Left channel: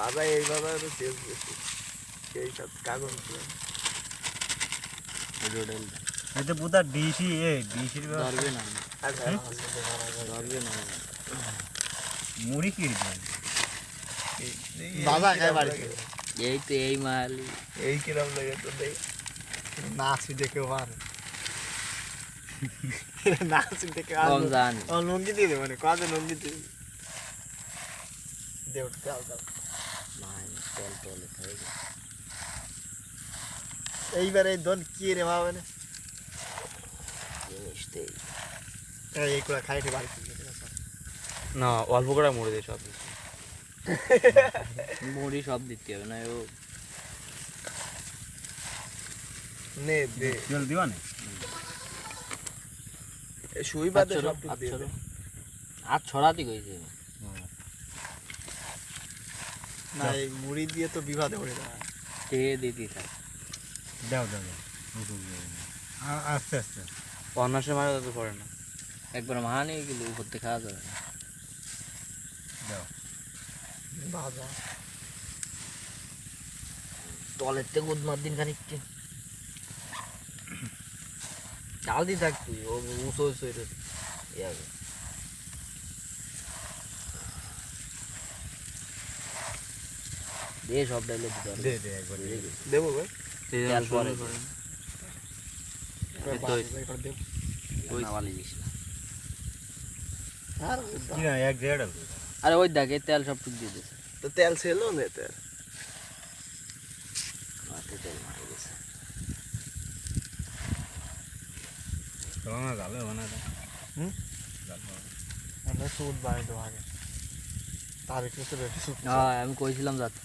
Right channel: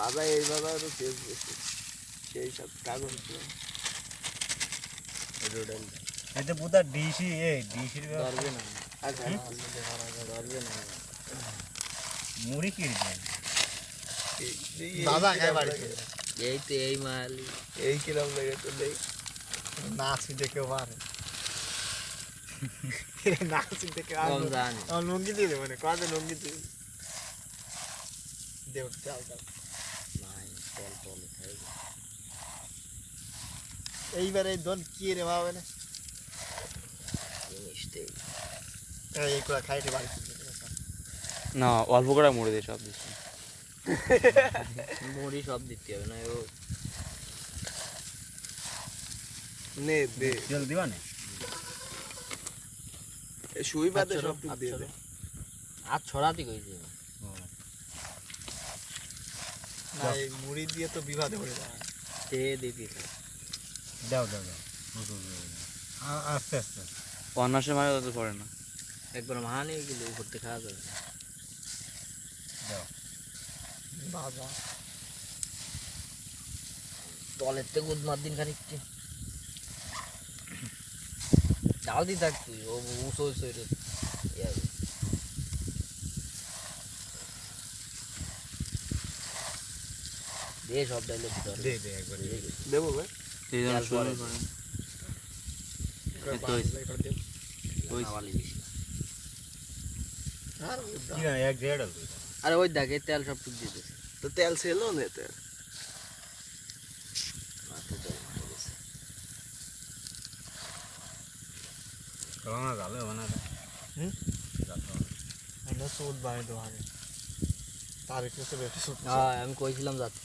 বাবা এইভাবে আমি শেষ করছি সেই সব কাগজ এটা পুরা ডিসি ডিসির ধরবে না ধরবে না মুড়ি কি দিবেন বাবা খায় বাড়িতে এই তো এই মালি এই কিরম লাগে তো দেখ নাচি দেখে পারে নাচি দেখে কম জানি লুঙ্গি দিয়ে দেবো কত লুঙ্গি দিয়ে দেব চাল চাল টল টল খাই এইবারে দন কি রে বাবা না জিনিসটাই এইগুলা খাই রে বাড়ি না অল্প করে মরে দিয়ে সব দিচ্ছি মুড়ি সব দিতে হবে না ও নে দে তেল দিবা না শুই বাদে সব দিয়ে দে আর ছড়াতে কইছে না এই মুড়ি দিয়ে তো বিবাদ হয়ে যায় তে দিতে থাক দাও দাও দাও আস্তে আস্তে অন্যাসের মাঝে তত করে না একবার মাহানি গেলে করতে খাওয়া যাবে না দাও বাবা টলের থেকে উদ্মার দিন খানিক চাল দিয়ে থাক তুই ও উঁচু দে সব ডাইলে দিতে হবে দে দে একবার দে দেবো ভাই এই জন্য তেল পরে শুরু করেন। ওই নামালি দিস না আর কি না এক দেড় আরে ওই দেখ এই তেল সব টুক দিয়ে দিস তো তেল ছিল না তেল মাথা তেল মারা গেছে চলো না জালে বানা দে হুম? আমরা সুদ বাড়ি দেবো আগে তার কিছু রেটে সুদ হ্যাঁ আমি কইছিলাম যাতে